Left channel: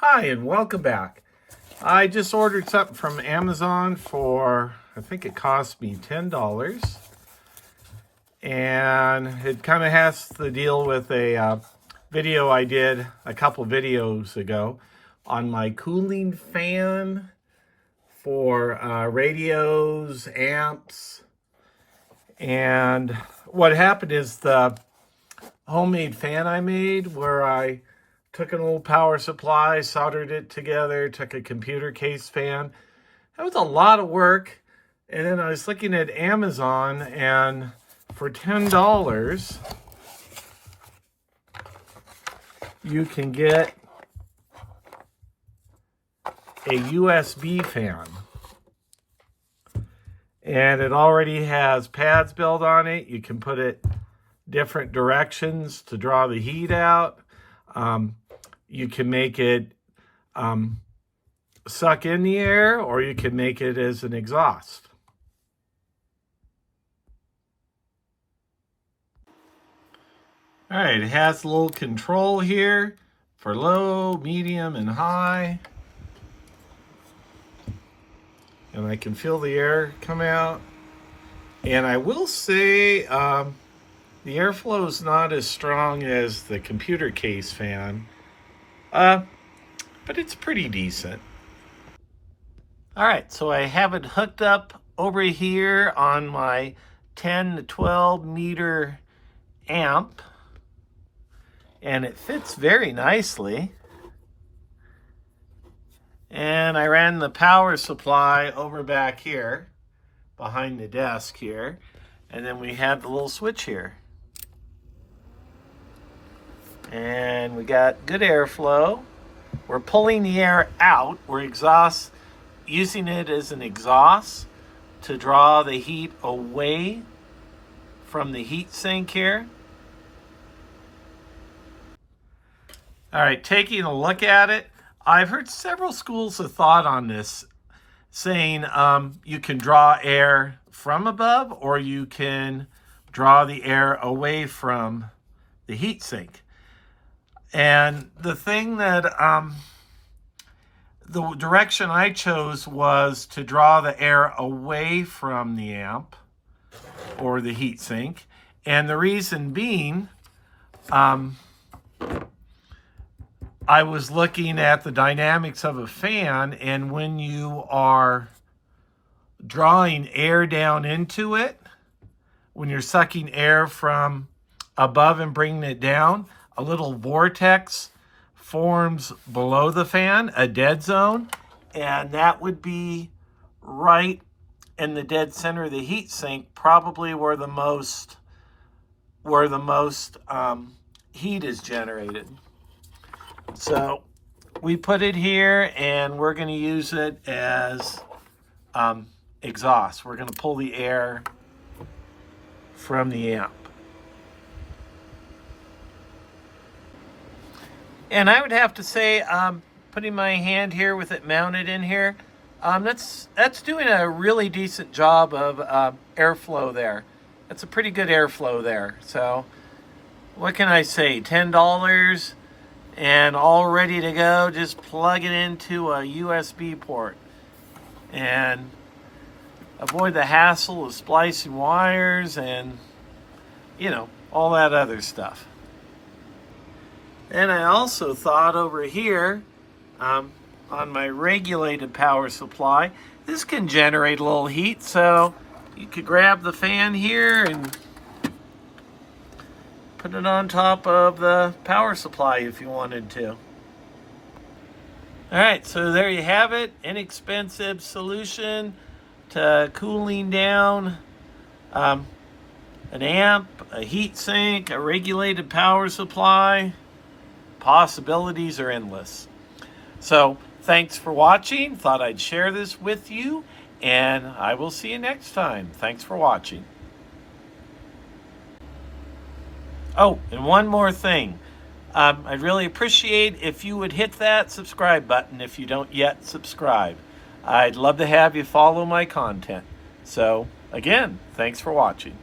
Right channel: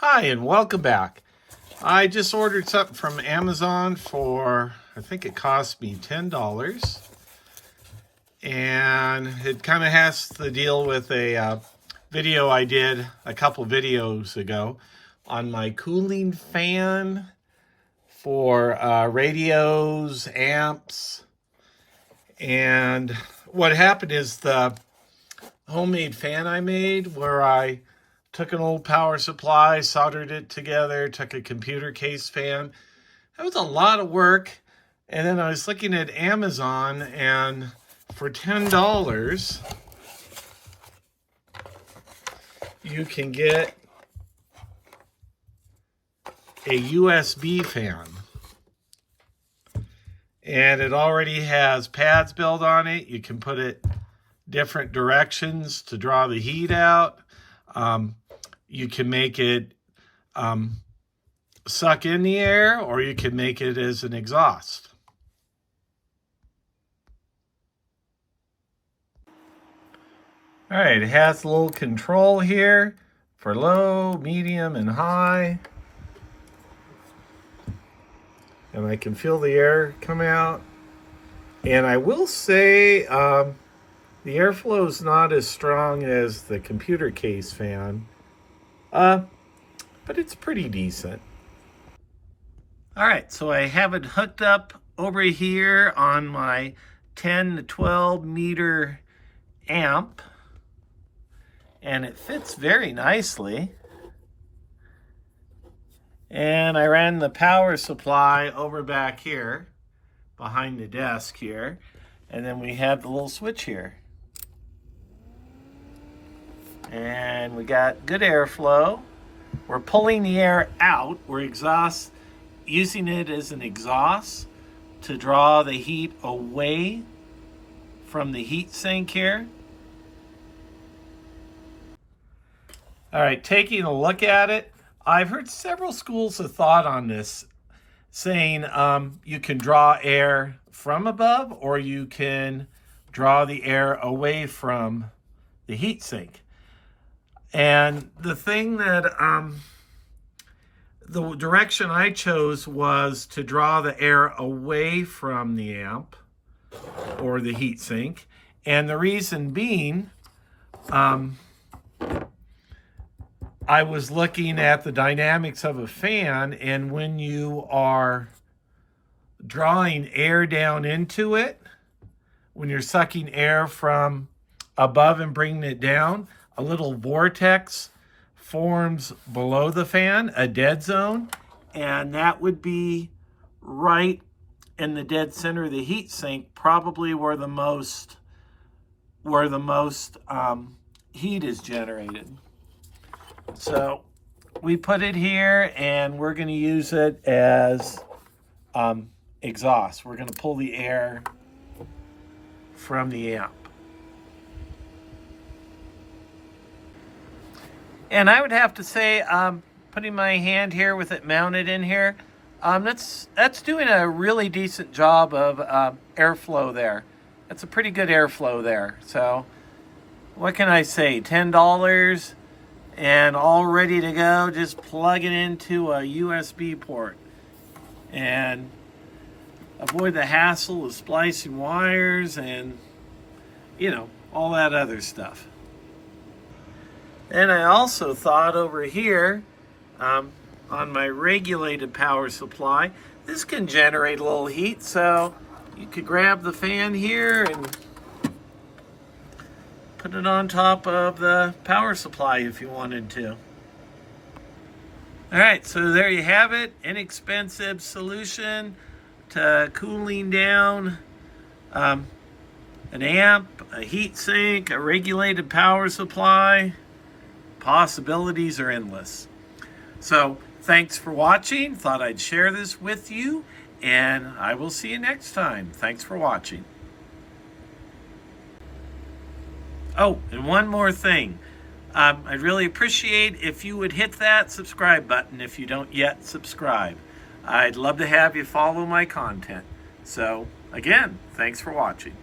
Hi, and welcome back. I just ordered something from Amazon for, I think it cost me $10. And it kind of has to deal with a video I did a couple videos ago on my cooling fan for radios, amps. And what happened is the homemade fan I made, where I took an old power supply, soldered it together, took a computer case fan. That was a lot of work. And then I was looking at Amazon, and for $10, you can get a USB fan. And it already has pads built on it. You can put it different directions to draw the heat out. You can make it suck in the air, or you can make it as an exhaust. All right, it has a little control here for low, medium, and high. And I can feel the air come out. And I will say the airflow is not as strong as the computer case fan. But it's pretty decent. All right, so I have it hooked up over here on my 10 to 12 meter amp, and it fits very nicely. And I ran the power supply over back here behind the desk here, and then we have the little switch here. And we got good airflow. We're pulling the air out. We're using it as an exhaust to draw the heat away from the heat sink here. All right, taking a look at it, I've heard several schools of thought on this, saying you can draw air from above, or you can draw the air away from the heat sink. And the thing that, the direction I chose was to draw the air away from the amp or the heat sink. And the reason being, I was looking at the dynamics of a fan, and when you are drawing air down into it, when you're sucking air from above and bringing it down, a little vortex forms below the fan, a dead zone, and that would be right in the dead center of the heat sink, probably where the most heat is generated. So we put it here, and we're going to use it as exhaust. We're going to pull the air from the amp. And I would have to say, putting my hand here with it mounted in here, that's doing a really decent job of airflow there. That's a pretty good airflow there. So what can I say? $10 and all ready to go. Just plug it into a USB port and avoid the hassle of splicing wires and, you know, all that other stuff. And I also thought over here, on my regulated power supply, this can generate a little heat, so you could grab the fan here and put it on top of the power supply if you wanted to. All right, so there you have it. Inexpensive solution to cooling down an amp, a heat sink, a regulated power supply. Possibilities are endless. So thanks for watching. Thought I'd share this with you, and I will see you next time. Thanks for watching. Oh, and one more thing. I'd really appreciate if you would hit that subscribe button if you don't yet subscribe. I'd love to have you follow my content. So again, thanks for watching.